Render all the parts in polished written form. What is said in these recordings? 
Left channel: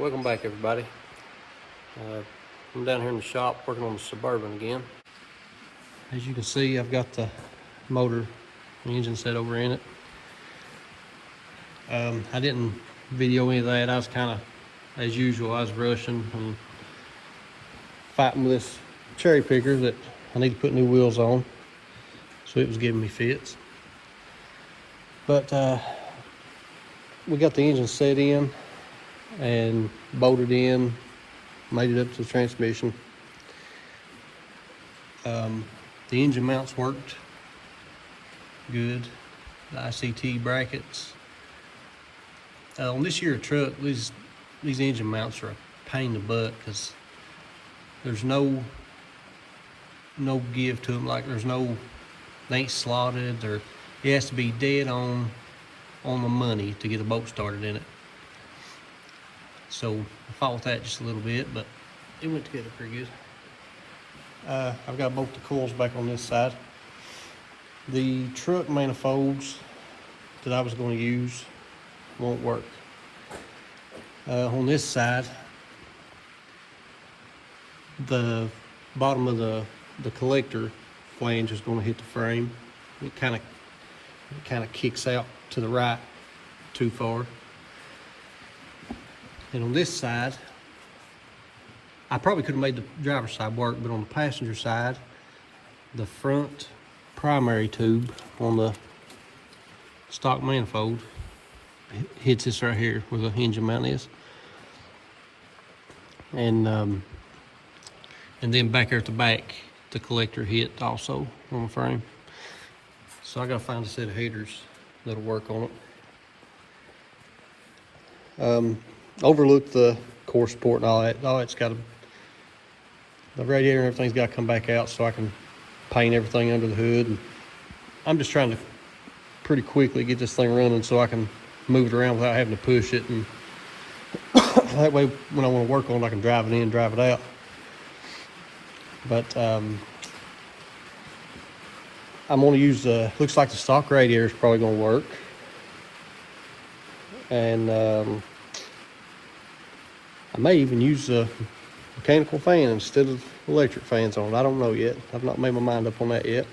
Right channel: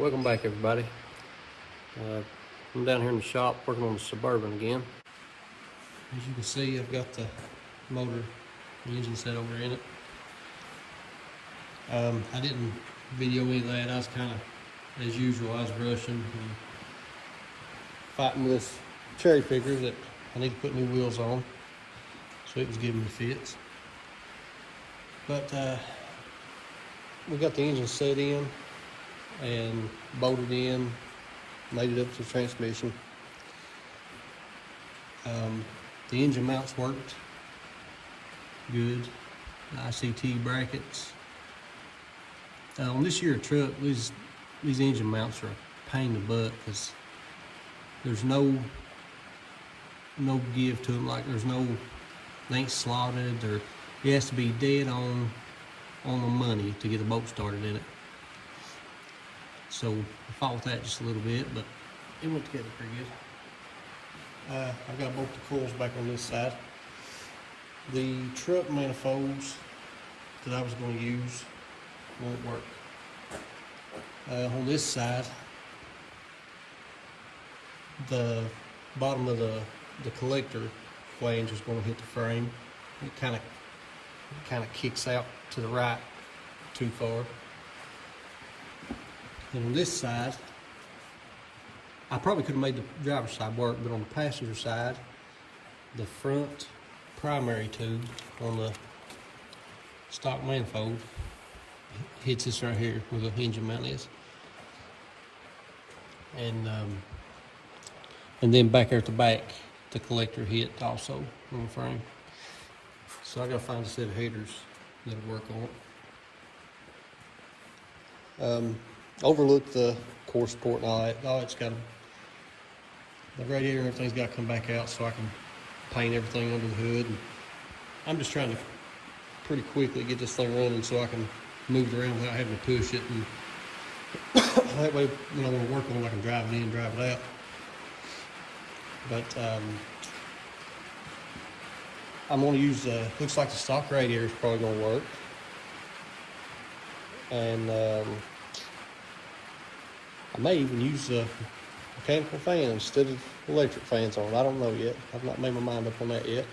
Welcome back everybody. I'm down here in the shop working on the Suburban again. As you can see, I've got the motor, the engine set over in it. I didn't video any of that. I was kind of, as usual, I was rushing and fighting with this cherry picker that I need to put new wheels on, so it was giving me fits. But we got the engine set in and bolted in, made it up to the transmission. The engine mounts worked good. The ICT brackets. On this year truck, these engine mounts are a pain in the butt because there's no give to them. Like they ain't slotted. It has to be dead on the money to get a boat started in it. So I fought with that just a little bit, but it went together pretty good. I've got both the coils back on this side. The truck manifolds that I was going to use won't work. On this side, the bottom of the collector flange is going to hit the frame. It kind of kicks out to the right too far. And on this side, I probably could have made the driver's side work, but on the passenger side, the front primary tube on the stock manifold hits this right here where the engine mount is. And then back there at the back, the collector hit also on the frame. So I gotta find a set of headers that'll work on it. Overlook the core support and all that. All that's got the radiator and everything's got to come back out so I can paint everything under the hood. And I'm just trying to pretty quickly get this thing running so I can move it around without having to push it, and that way when I want to work on it, I can drive it in, drive it out. But I'm going to use looks like the stock radiator is probably going to work, and I may even use the mechanical fan instead of electric fans on it. I don't know yet. I've not made my mind up on that yet.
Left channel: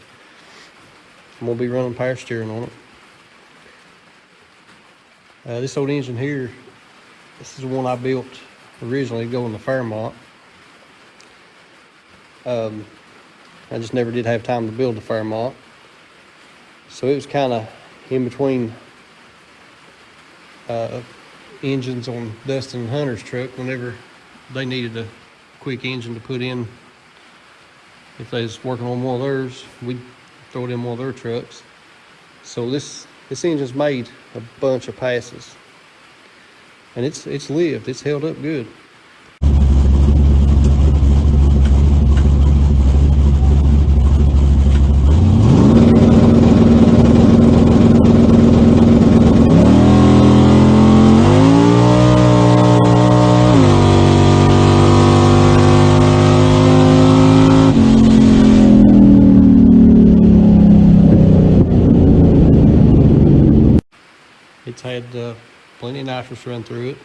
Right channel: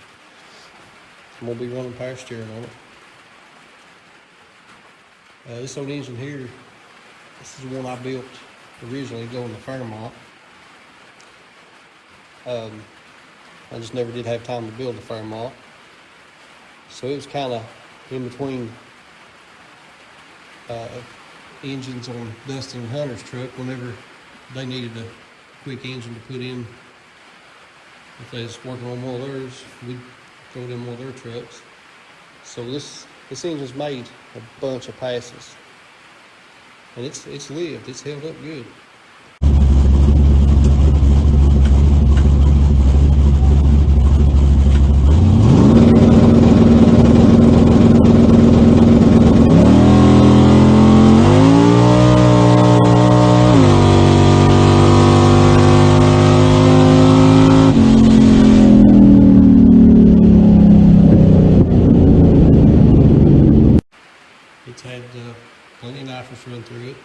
I'm going to be running power steering on it. This old engine here, this is the one I built originally to go in the Fairmont. I just never did have time to build the Fairmont. So it was kind of in between engines on Dustin and Hunter's truck whenever they needed a quick engine to put in. If they was working on one of theirs, we'd throw it in one of their trucks. So this engine's made a bunch of passes, and it's lived. It's held up good. It's had plenty of nitrous run through it.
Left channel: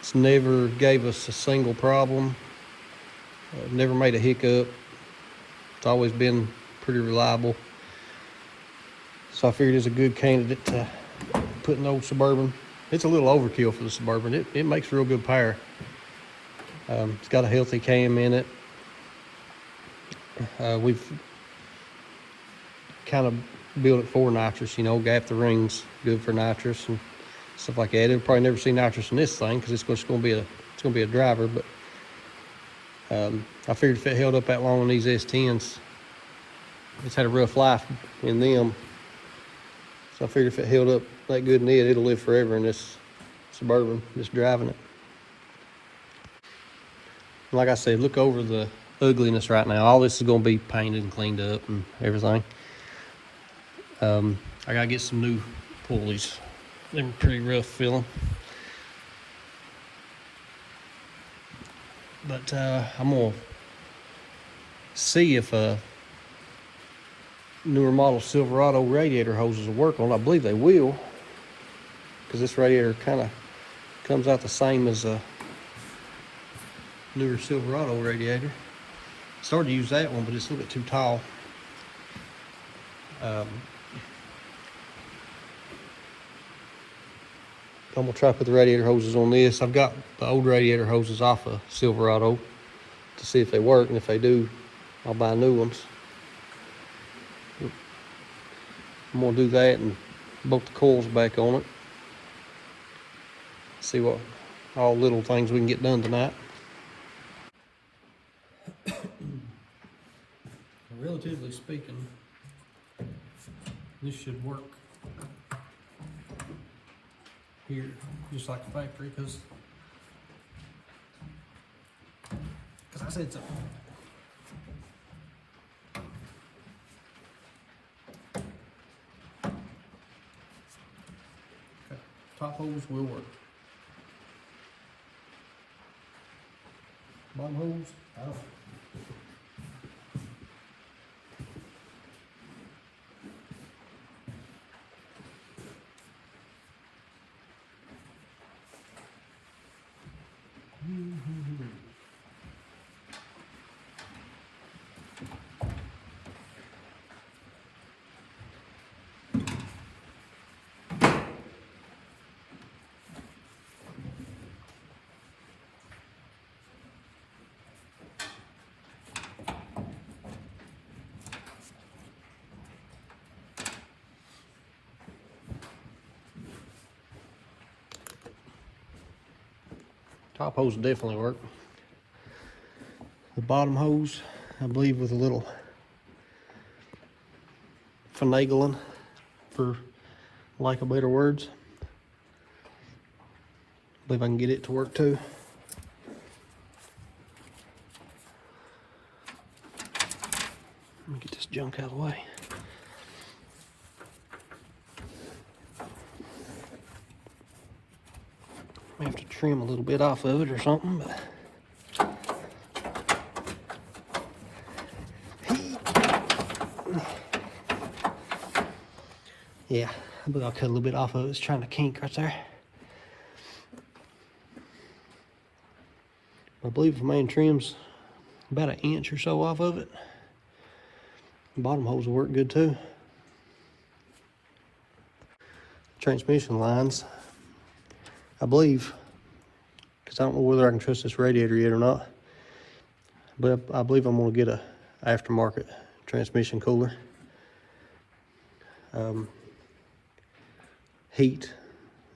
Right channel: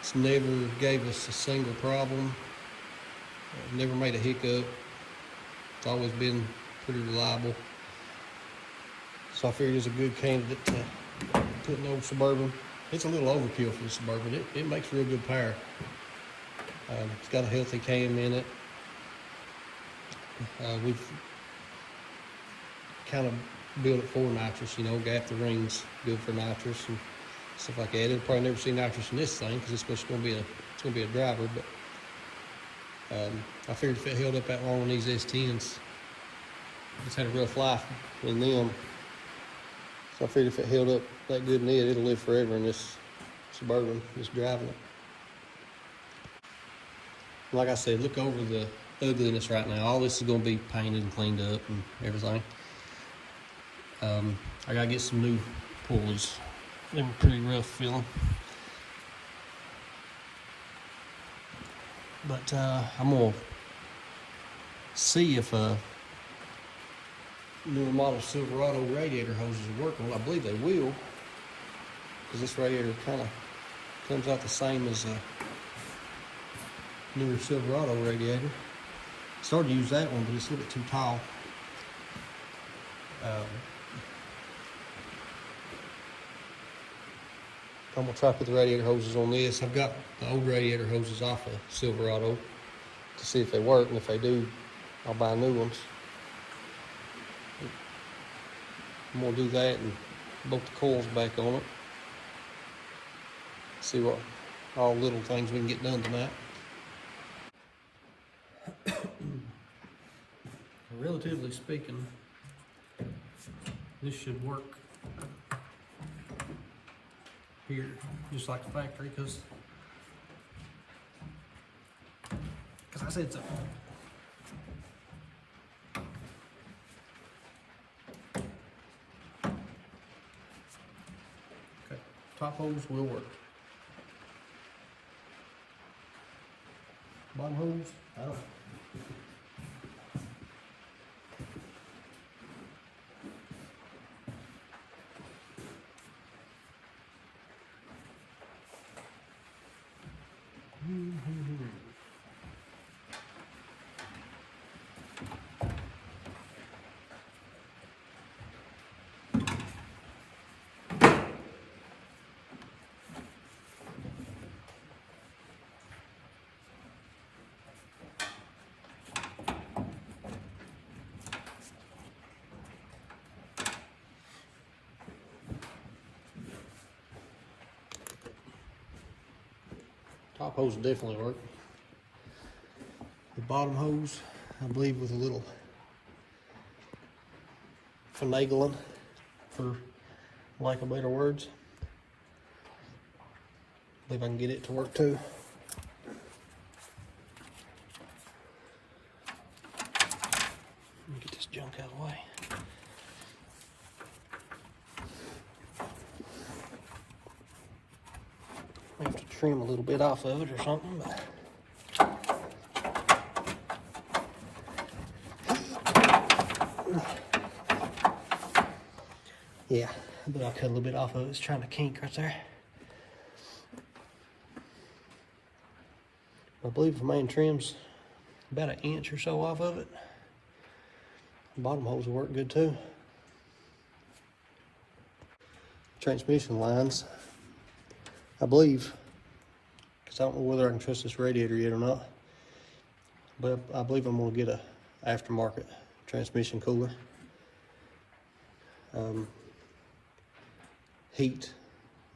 It's never gave us a single problem. Never made a hiccup. It's always been pretty reliable. So I figured it's a good candidate to put in the old Suburban. It's a little overkill for the Suburban. It makes real good power. It's got a healthy cam in it. We've kind of build it for nitrous, gap the rings good for nitrous and stuff like that. It'll probably never see nitrous in this thing because it's going to be a driver, but I figured if it held up that long on these S10s, it's had a rough life in them. So I figured if it held up that good in it'll live forever in this Suburban, just driving it. Like I said, look over the ugliness right now. All this is going to be painted and cleaned up and everything. I gotta get some new pulleys. They're pretty rough feeling. But I'm gonna see if newer model Silverado radiator hoses will work on. I believe they will, because this radiator kind of Comes out the same as a newer Silverado radiator. Started to use that one, but it's a little bit too tall. I'm gonna try to put the radiator hoses on this. I've got the old radiator hoses off of Silverado to see if they work, and if they do, I'll buy new ones. I'm gonna do that and bolt the coils back on it. See what all little things we can get done tonight. Relatively speaking, this should work here just like the factory, because I said so. Okay, top hose will work. Bottom hose, I don't know. Top hose will definitely work. The bottom hose, I believe, with a little finagling, for lack of better words. I believe I can get it to work too. Let me get this junk out of the way. Have to trim a little bit off of it or something, but yeah, but I'll cut a little bit off of it. It's trying to kink right there. I believe the main trim's about an inch or so off of it. The bottom hose will work good too. Transmission lines, I believe, because I don't know whether I can trust this radiator yet or not, but I believe I'm going to get a aftermarket transmission cooler. Heat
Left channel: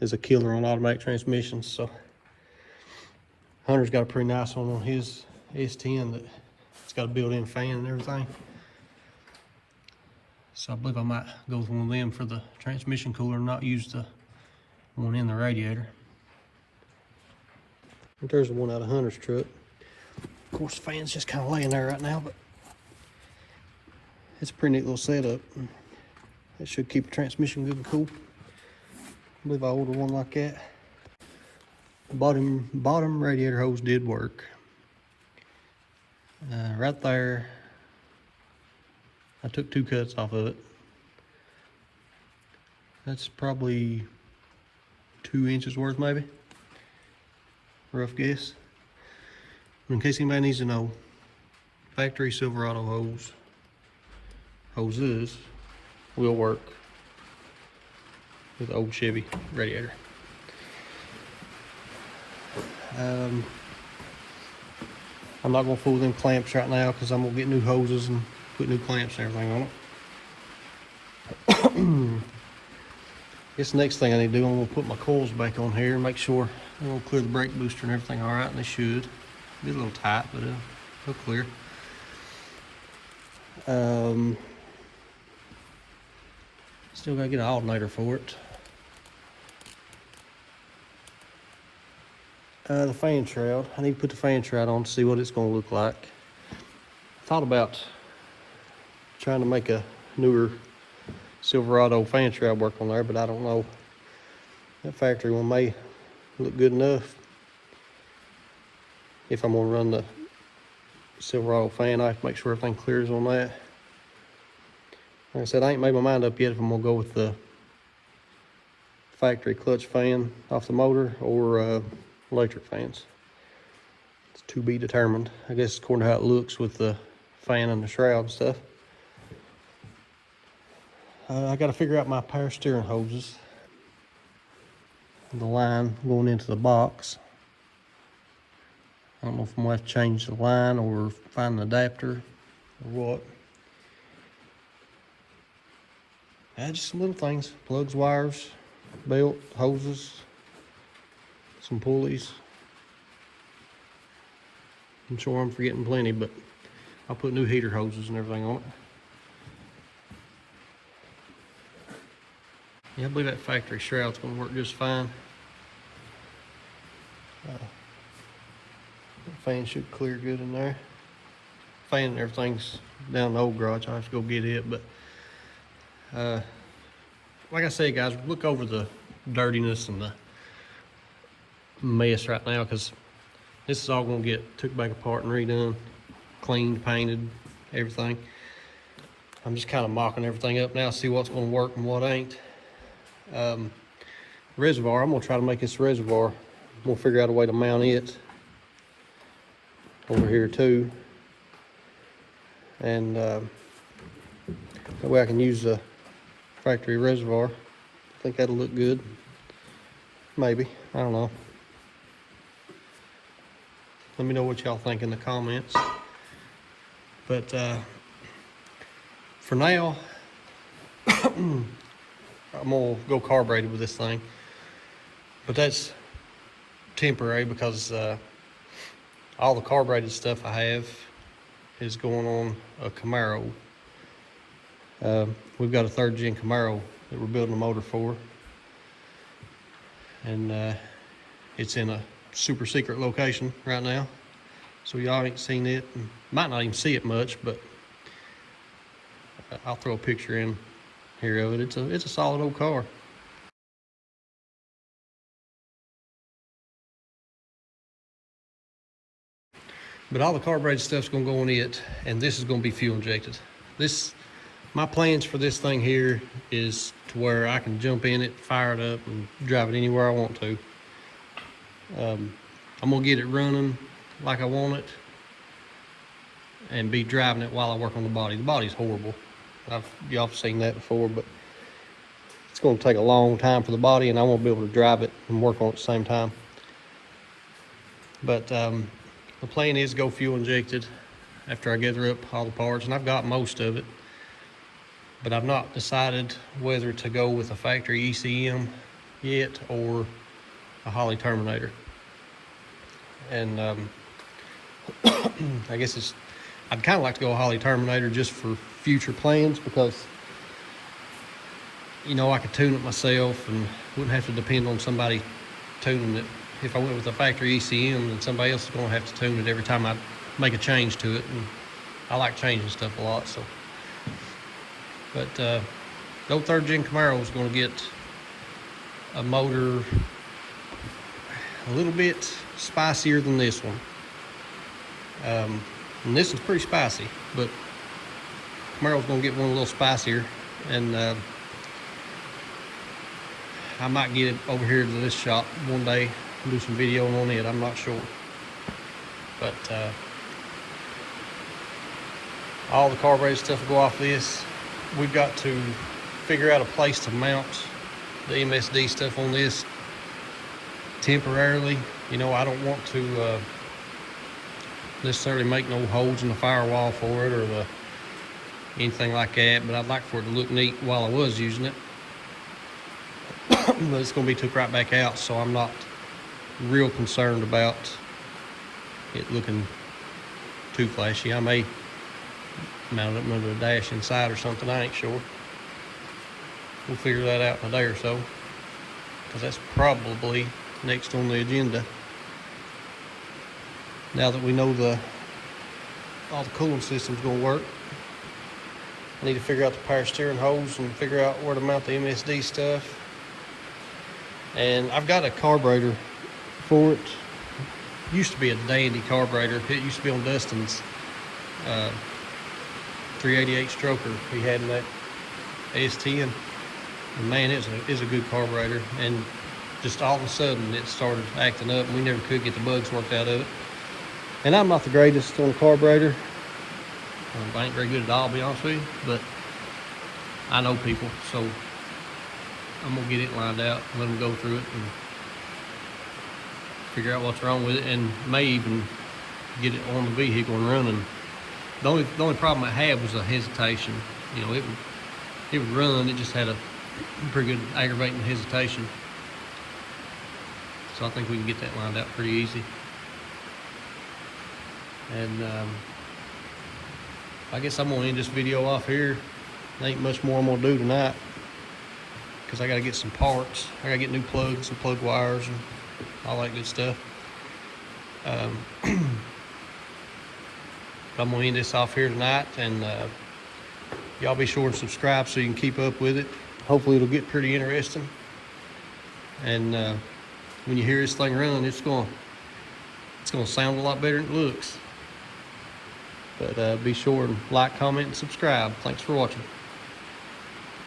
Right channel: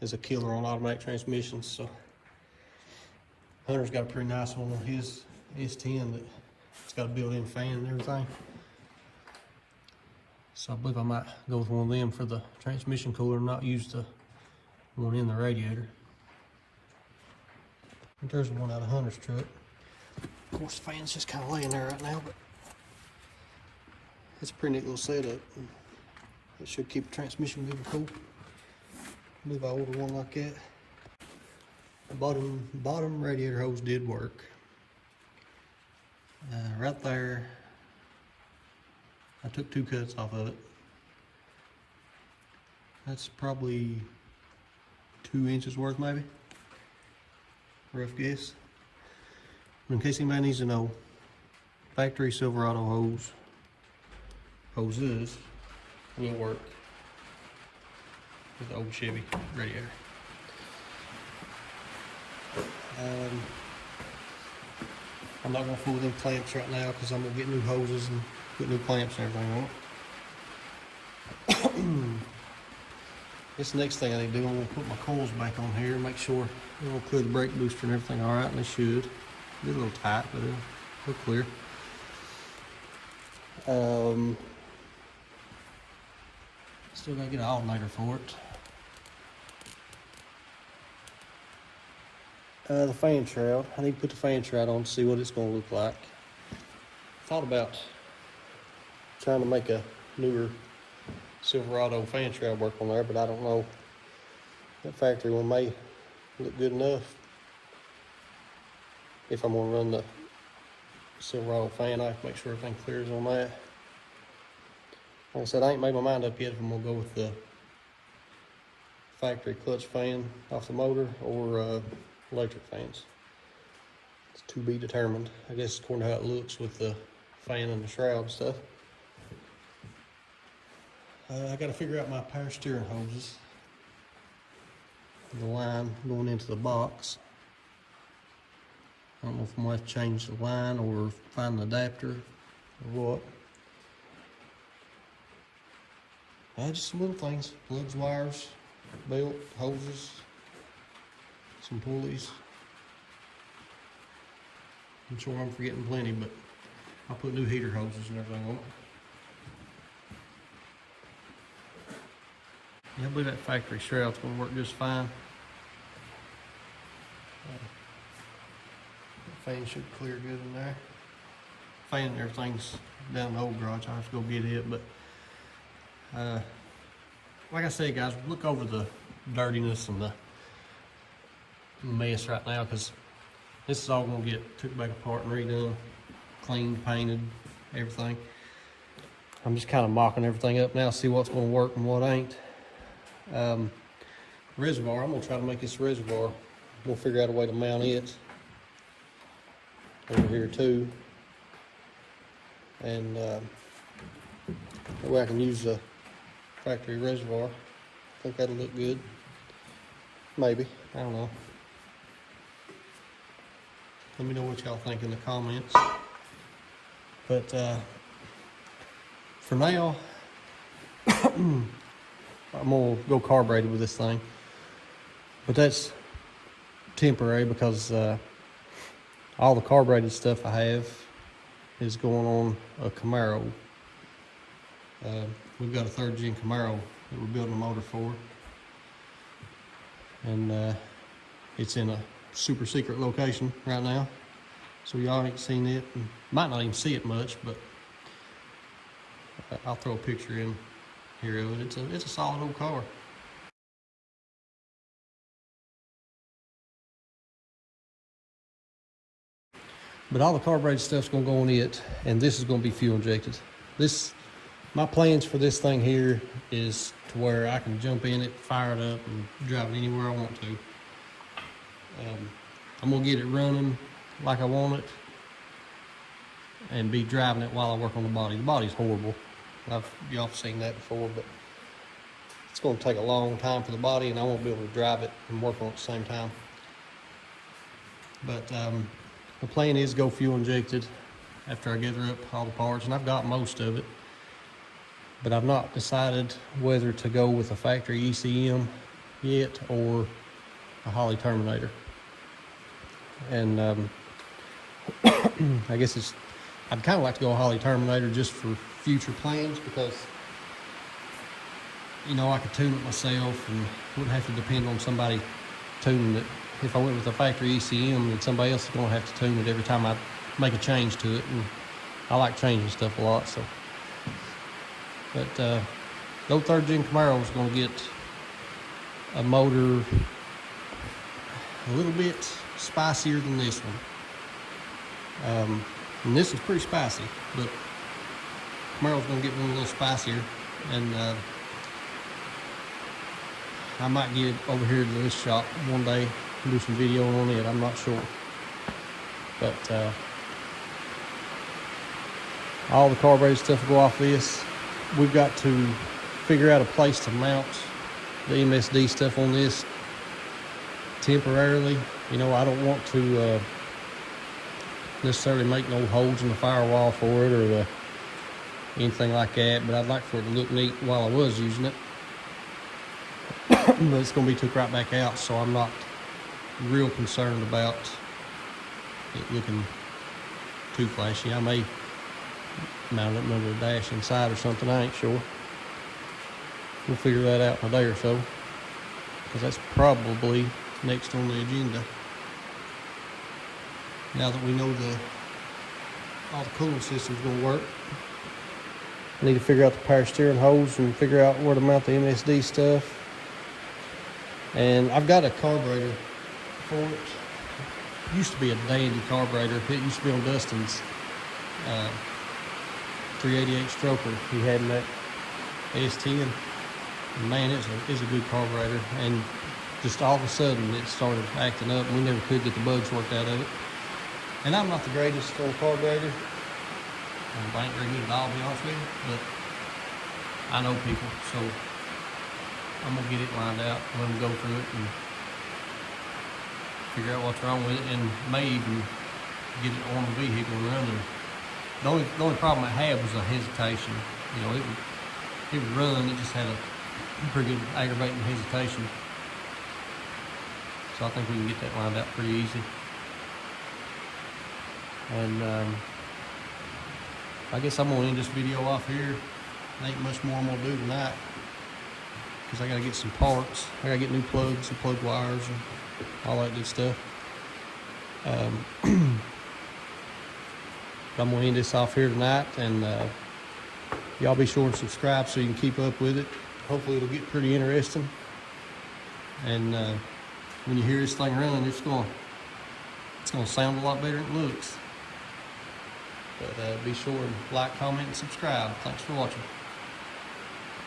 is a killer on automatic transmissions, so Hunter's got a pretty nice one on his S10 that it's got a built-in fan and everything. So I believe I might go with one of them for the transmission cooler and not use the one in the radiator. And there's the one out of Hunter's truck. Of course, the fan's just kind of laying there right now, but it's a pretty neat little setup. It should keep the transmission good and cool. I believe I ordered one like that. The bottom radiator hose did work. Right there, I took 2 cuts off of it. That's probably 2 inches worth, maybe. Rough guess. But in case anybody needs to know, factory Silverado hoses will work with the old Chevy radiator. I'm not going to fool them clamps right now because I'm going to get new hoses and put new clamps and everything on it. Guess the next thing I need to do, I'm going to put my coils back on here and make sure it'll clear the brake booster and everything all right, and they should. Be a little tight, but it'll clear. Still got to get an alternator for it. The fan shroud. I need to put the fan shroud on to see what it's going to look like. Thought about trying to make a newer Silverado fan shroud work on there, but I don't know. That factory one may look good enough. If I'm going to run the Silverado fan, I have to make sure everything clears on that. Like I said, I ain't made my mind up yet if I'm going to go with the factory clutch fan off the motor or electric fans. It's to be determined, I guess, according to how it looks with the fan and the shroud and stuff. I got to figure out my power steering hoses, the line going into the box. I don't know if I'm going to have to change the line or find an adapter or what. Just some little things: plugs, wires, belt, hoses, some pulleys. I'm sure I'm forgetting plenty, but I'll put new heater hoses and everything on it. Yeah, I believe that factory shroud's gonna work just fine. The fan should clear good in there. Fan and everything's down in the old garage. I'll have to go get it, but like I said, guys, look over the dirtiness and the mess right now, because this is all gonna get took back apart and redone, cleaned, painted, everything. I'm just kind of mocking everything up now, see what's gonna work and what ain't. Reservoir, I'm gonna try to make this reservoir. We'll figure out a way to mount it over here too, and that way I can use the factory reservoir. I think that'll look good. Maybe, I don't know. Let me know what y'all think in the comments. But for now, I'm gonna go carbureted with this thing. But that's temporary, because all the carbureted stuff I have is going on a Camaro. We've got a 3rd gen Camaro that we're building a motor for, and it's in a super secret location right now, so y'all ain't seen it and might not even see it much, but I'll throw a picture in here of it. It's a solid old car. But all the carbureted stuff's gonna go on it, and this is gonna be fuel injected. My plans for this thing here is to where I can jump in it, fire it up, and drive it anywhere I want to. I'm gonna get it running like I want it, and be driving it while I work on the body. The body's horrible. Y'all have seen that before, but it's gonna take a long time for the body, and I won't be able to drive it and work on it at the same time. But the plan is go fuel injected after I gather up all the parts, and I've got most of it. But I've not decided whether to go with a factory ECM yet or a Holley Terminator. And I guess I'd kind of like to go a Holley Terminator just for future plans, because you know I could tune it myself and wouldn't have to depend on somebody tuning it. If I went with a factory ECM, then somebody else is going to have to tune it every time I make a change to it, and I like changing stuff a lot. So, but the old 3rd gen Camaro is going to get a motor a little bit spicier than this one. And this is pretty spicy, but Camaro's going to get one a little spicier, and I might get it over here to this shop one day and do some video on it. I'm not sure, but all the carbureted stuff will go off this. We've got to figure out a place to mount the MSD stuff on this temporarily. You know, I don't want to necessarily make no holes in the firewall for it or anything like that, but I'd like for it to look neat while I was using it. But it's going to be took right back out, so I'm not real concerned about it looking too flashy. I may mount up another dash inside or something, I ain't sure. We'll figure that out in a day or so, because that's probably next on the agenda. Now that we know all the cooling system's going to work, I need to figure out the power steering hose and figure out where to mount the MSD stuff. And I've got a carburetor for it. It used to be a dandy carburetor. It used to be on Dustin's 388 stroker he had in that S10. And man, it's a good carburetor. And just all of a sudden it started acting up, and we never could get the bugs worked out of it. And I'm not the greatest for the carburetor. I ain't very good at all, to be honest with you, but I know people, so I'm gonna get it lined out, let them go through it and figure out what's wrong with it, and may even get it on the vehicle and running. The only problem I had was a hesitation. You know, it would run, it just had a pretty good aggravating hesitation. So I think we can get that lined out pretty easy. And I guess I'm gonna end this video off here. There ain't much more I'm gonna do tonight, because I gotta get some parts. I gotta get new plugs and plug wires and all that good stuff. But I'm gonna end this off here tonight, and y'all be sure and subscribe so you can keep up with it. Hopefully it'll get pretty interesting. And when you hear this thing run, it's gonna sound a lot better than it looks. But be sure and like, comment, and subscribe. Thanks for watching.